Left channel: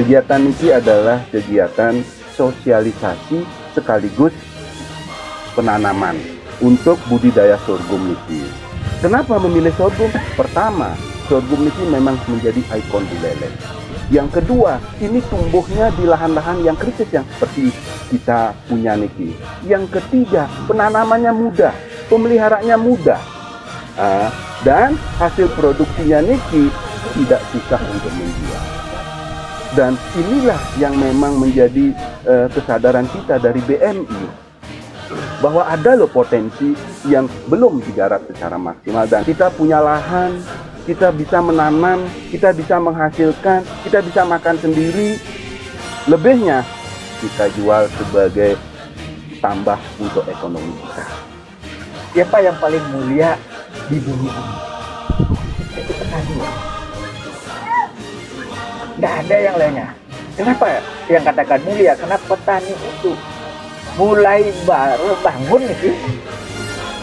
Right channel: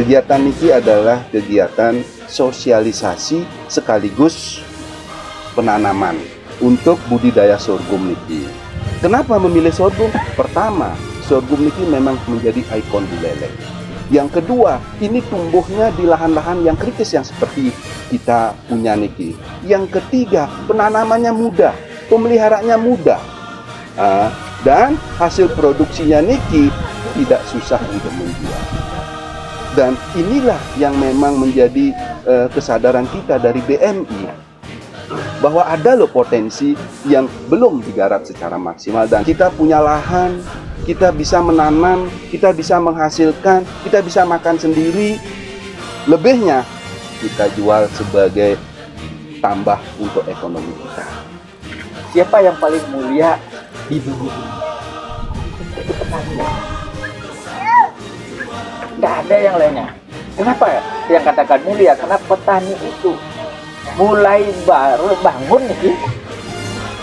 Kegiatan niki adalah kegiatan sosialisasi sekaligus penanaman untuk budidaya sorghum niki. Kenapa memilih sorghum? Pertama, sorghum niki memang menjadi ikon Buleleng. Yang kedua, ini tumbuhnya di lahan-lahan yang kritis yang seperti kita punya niki. Yang ketiga, penanamannya mudah, pemeliharaannya mudah, dan hasil produksinya niki tidak susah untuk menjual. Dan inilah yang memang menjadi kesadaran kita dari BMI, bahwa ada loh potensi yang belum digarap secara maksimal, dan kita punya lahan, kita bisa menanam, kita bisa menghasilkan, kita bisa makan sendiri. Lebihnya kita jual sebagai tambah untuk ekonomi kita. Siapa yang paling mulia di bumi ini? Itu petani. Nggak ada yang lainnya. Kenapa yang katakan mulia? Karena petani itu mulai baru bangun nih,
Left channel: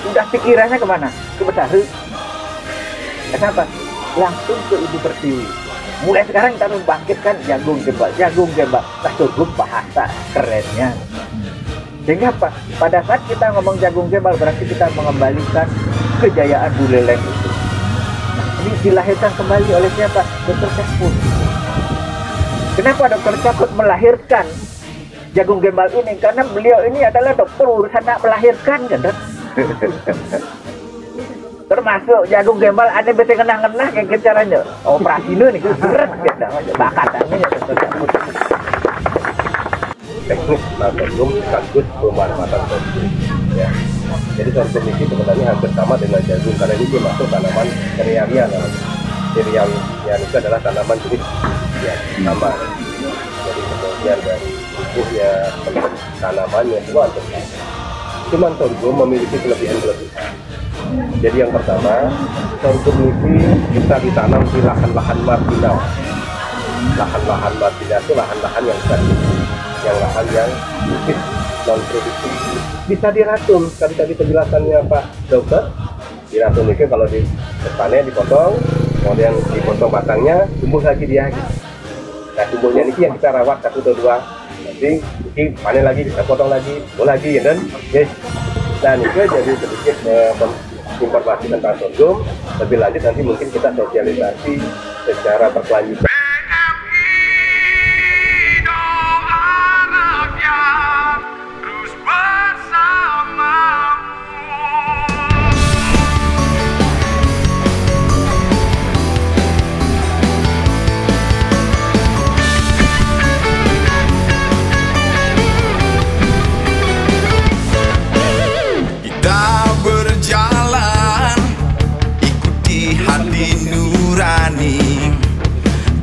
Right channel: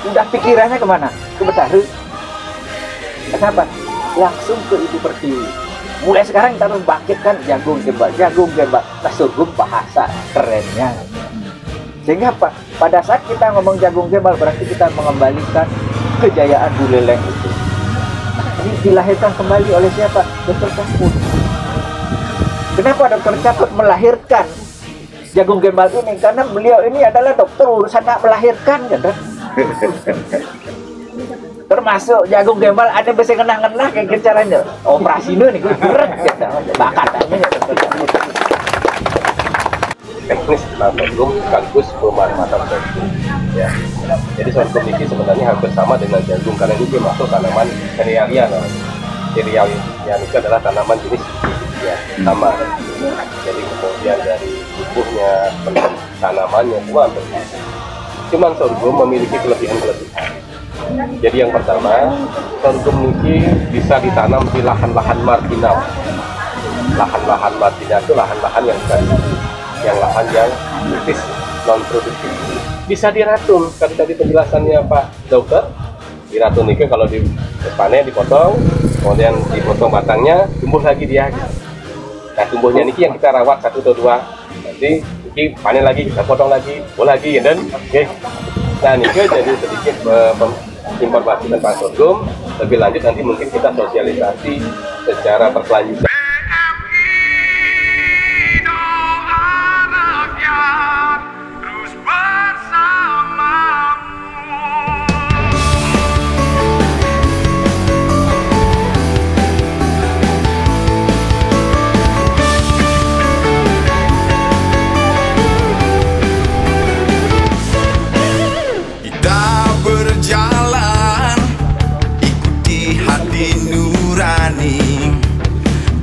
udah pikirannya kemana? Ke Betari. Kenapa? Langsung ke Ibu Pertiwi. Mulai sekarang kita harus bangkitkan jagung gembal. Jagung gembal, nah sorghum bahasa kerennya. Sehingga apa? Pada saat kita ngomong jagung gembal, berarti kita mengembalikan kejayaan Buleleng itu. Nah, ini dilahirkan kembali oleh siapa? Dr. Cakut. Kenapa Dr. Cakut melahirkan jagung gembal ini? Karena beliau ini adalah dokter urusan melahirkan, kan, Dok? Termasuk jagung gembal ada bisa ngenah-ngenah kayak caranya operasi nih berat kita bakat teknis tentang sorghum sekaligus pemanfaatan sorghum ya. Jadi sorghum ini sebenarnya hampir sama dengan jagung karena ini dia masuk tanaman serealia namanya. Serealia itu adalah tanaman jenis ya sama. Jadi kemudian dari tubuhnya, tanamannya semua hampir sama. Cuman sorghum memiliki kelebihan-kelebihan. Jadi yang pertama, sorghum ini bisa ditanam di lahan-lahan marginal. Lahan-lahan marginal itu lahan-lahan yang lahan yang kritis, non produktif. Bisa diratun, tadi penjelasannya Pak Dokter. Diratun itu kalau di depannya dipotong, kemudian dipotong batangnya, tumbuh lagi dia. Nah tumbuhnya ini yang kita rawat 1 atau 2. Nanti ini panen lagi, kita potong lagi, lagi ya dan oke. Nah ini jadi sedikit informasi tentang sorghum. Lebih lanjut nanti mungkin kita sosialisasi secara berkelanjutan.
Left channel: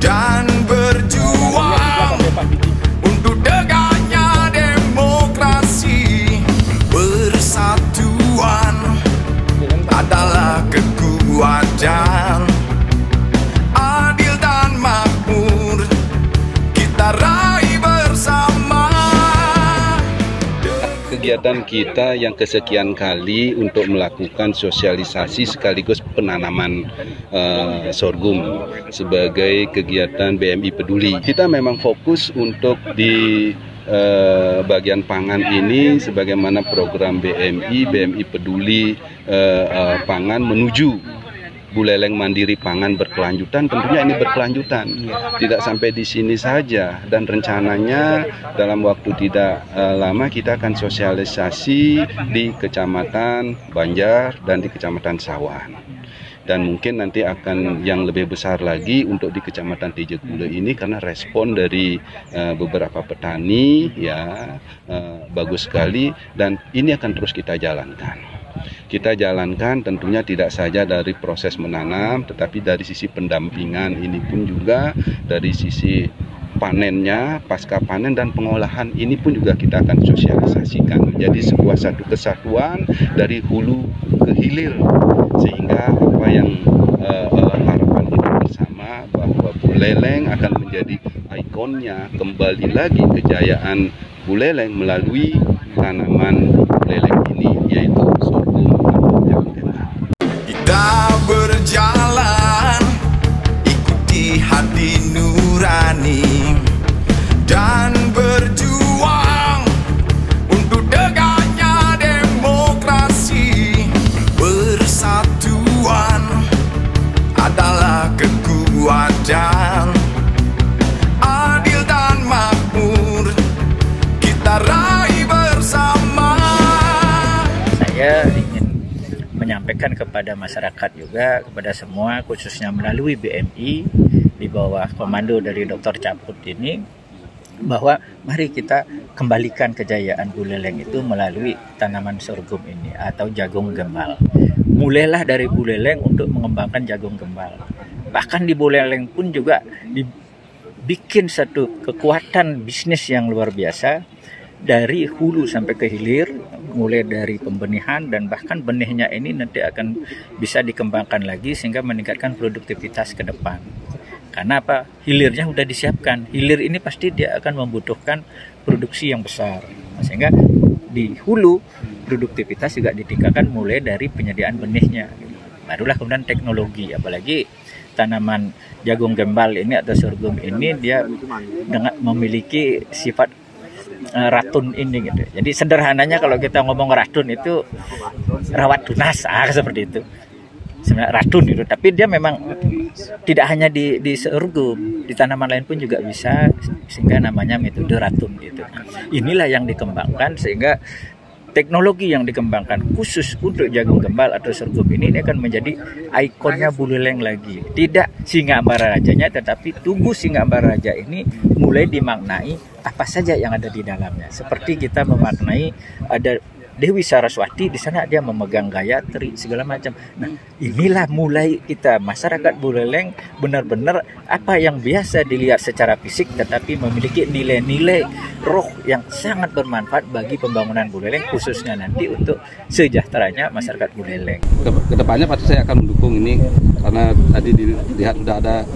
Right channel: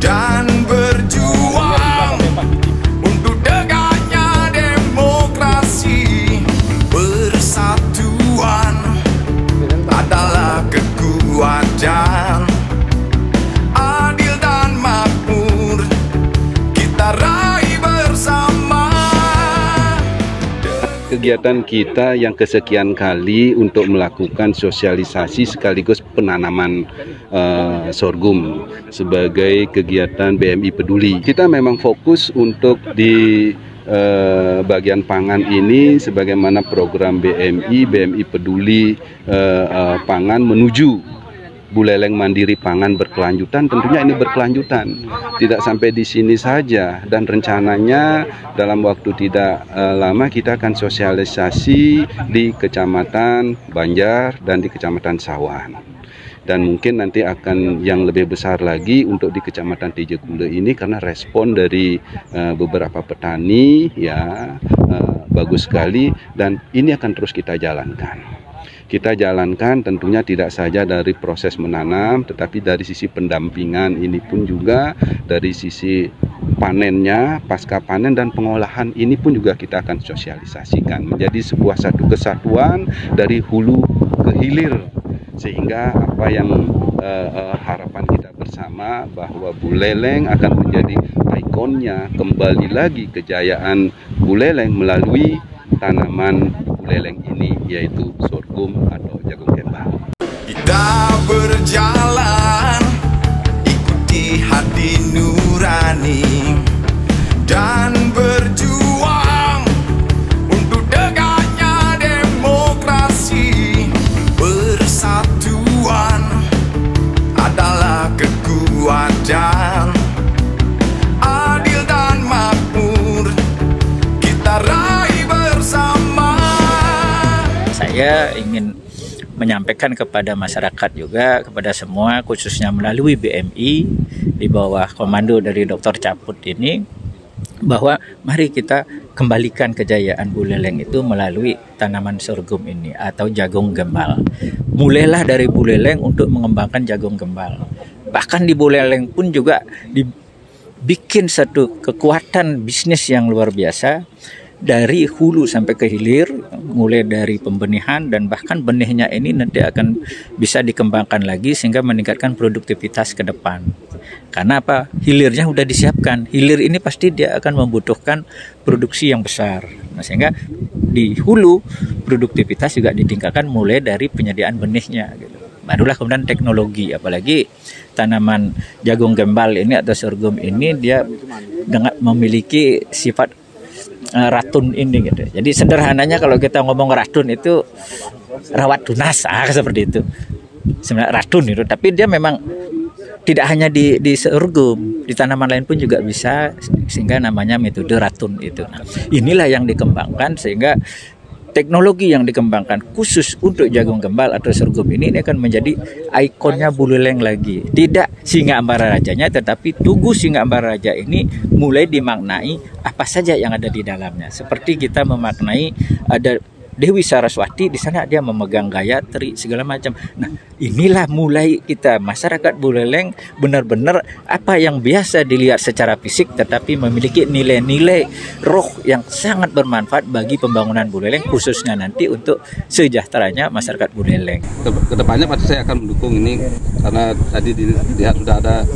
Dan berjuang untuk tegaknya demokrasi. Persatuan adalah kekuatan, adil dan makmur kita raih bersama. Kegiatan kita yang kesekian kali untuk melakukan sosialisasi sekaligus penanaman sorghum sebagai kegiatan BMI Peduli. Kita memang fokus untuk di bagian pangan ini sebagaimana program BMI Peduli pangan menuju Buleleng mandiri pangan berkelanjutan. Tentunya ini berkelanjutan, tidak sampai di sini saja, dan rencananya dalam waktu tidak lama kita akan sosialisasi di Kecamatan Banjar dan di Kecamatan Sawan. Dan mungkin nanti akan yang lebih besar lagi untuk di Kecamatan Tijekule ini, karena respon dari beberapa petani ya bagus sekali, dan ini akan terus kita jalankan. Kita jalankan tentunya tidak saja dari proses menanam, tetapi dari sisi pendampingan ini pun juga dari sisi panennya, pasca panen dan pengolahan ini pun juga kita akan sosialisasikan menjadi sebuah satu kesatuan dari hulu ke hilir, sehingga apa yang harapan kita bersama bahwa Buleleng akan menjadi ikonnya, kembali lagi kejayaan Buleleng melalui tanaman Buleleng ini, yaitu sorghum atau jagung gembal. Kita berjalan sampaikan kepada masyarakat juga, kepada semua, khususnya melalui BMI di bawah komando dari Dr. Caput ini, bahwa mari kita kembalikan kejayaan Buleleng itu melalui tanaman sorghum ini atau jagung gembal. Mulailah dari Buleleng untuk mengembangkan jagung gembal. Bahkan di Buleleng pun juga dibikin satu kekuatan bisnis yang luar biasa, dari hulu sampai ke hilir, mulai dari pembenihan dan bahkan benihnya ini nanti akan bisa dikembangkan lagi sehingga meningkatkan produktivitas ke depan. Karena apa? Hilirnya sudah disiapkan. Hilir ini pasti dia akan membutuhkan produksi yang besar. Nah, sehingga di hulu produktivitas juga ditingkatkan mulai dari penyediaan benihnya. Gitu. Barulah kemudian teknologi, apalagi tanaman jagung gembal ini atau sorghum ini dia dengan memiliki sifat ratun ini gitu. Jadi sederhananya kalau kita ngomong ratun itu rawat tunas seperti itu. Sebenarnya ratun itu, tapi dia memang tidak hanya di sorghum, di tanaman lain pun juga bisa, sehingga namanya metode ratun itu. Nah, inilah yang dikembangkan sehingga teknologi yang dikembangkan khusus untuk jagung gembal atau sorghum ini akan menjadi ikonnya Buleleng lagi. Tidak Singa Ambara Rajanya, tetapi Tugu Singa Ambara Raja ini mulai dimaknai apa saja yang ada di dalamnya. Seperti kita memaknai ada Dewi Saraswati, di sana dia memegang Gayatri segala macam. Nah, inilah mulai kita masyarakat Buleleng benar-benar apa yang biasa dilihat secara fisik tetapi memiliki nilai-nilai roh yang sangat bermanfaat bagi pembangunan Buleleng, khususnya nanti untuk sejahteranya masyarakat Buleleng. Kedepannya pasti saya akan mendukung ini karena tadi dilihat sudah ada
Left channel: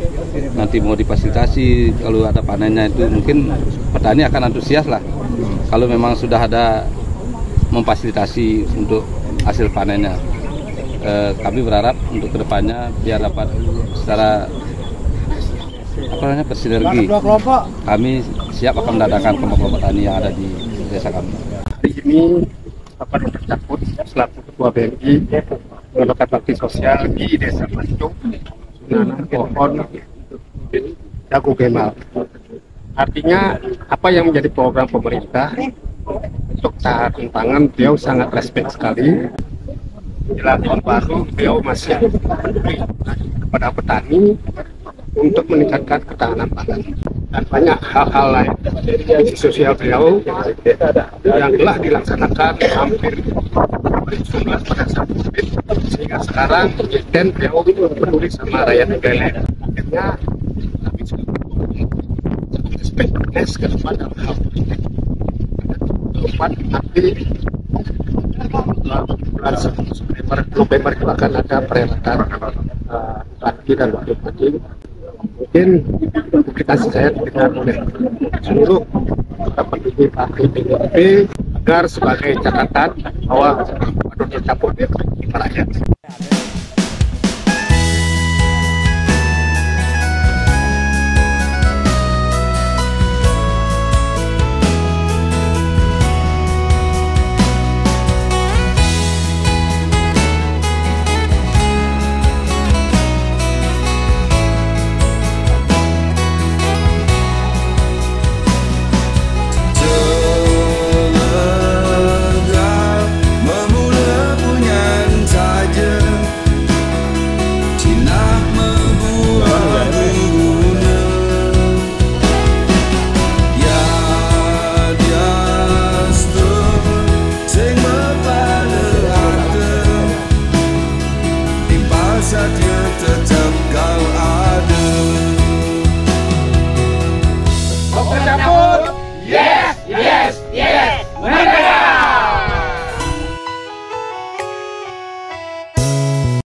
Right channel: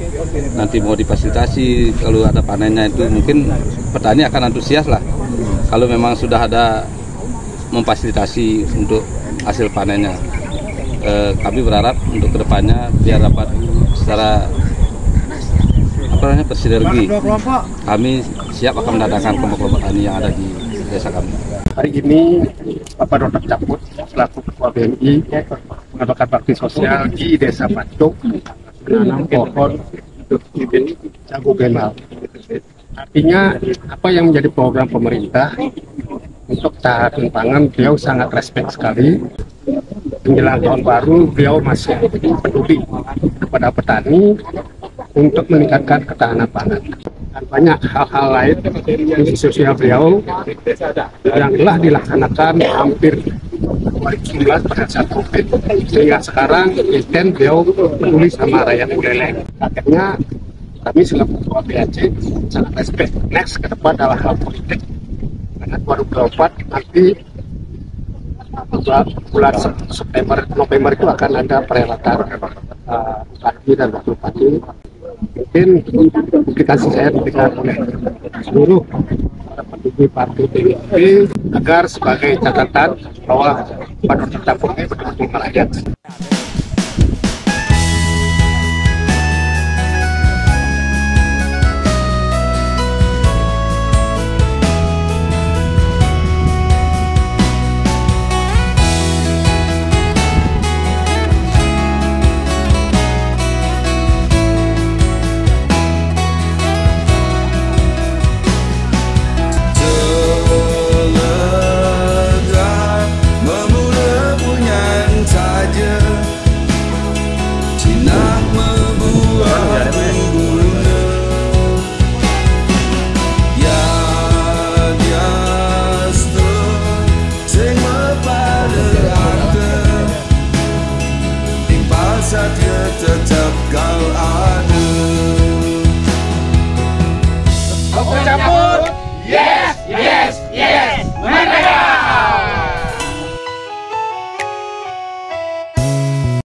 nanti mau difasilitasi, kalau ada panennya itu mungkin petani akan antusias lah. Kalau memang sudah ada memfasilitasi untuk hasil panennya, kami berharap untuk kedepannya biar dapat secara bersinergi, kami siap akan mendatangkan kelompok-kelompok tani yang ada di desa kami. Hari ini Bapak Dr. Caput selaku Ketua BMI melakukan bakti sosial di Desa Pancuk menanam pohon jagung gembal. Artinya apa yang menjadi program pemerintah untuk ketahanan pangan, beliau sangat respect sekali. Menjelang tahun baru beliau masih peduli kepada petani untuk meningkatkan ketahanan pangan. Dan banyak hal-hal lain fungsi sosial beliau yang telah dilaksanakan hampir 2019 pada saat COVID, sehingga sekarang dan beliau peduli sama rakyat Buleleng. Akhirnya kami selaku Ketua BAC sangat respect next ke depan dalam hal politik. Karena 2024 nanti bulan September, November itu akan ada perhelatan Bupati dan Wakil Bupati. Mungkin publikasi saya diberikan oleh seluruh pendukung partai PDIP agar sebagai catatan bahwa Pak Dr. Caput ini betul-betul rakyat.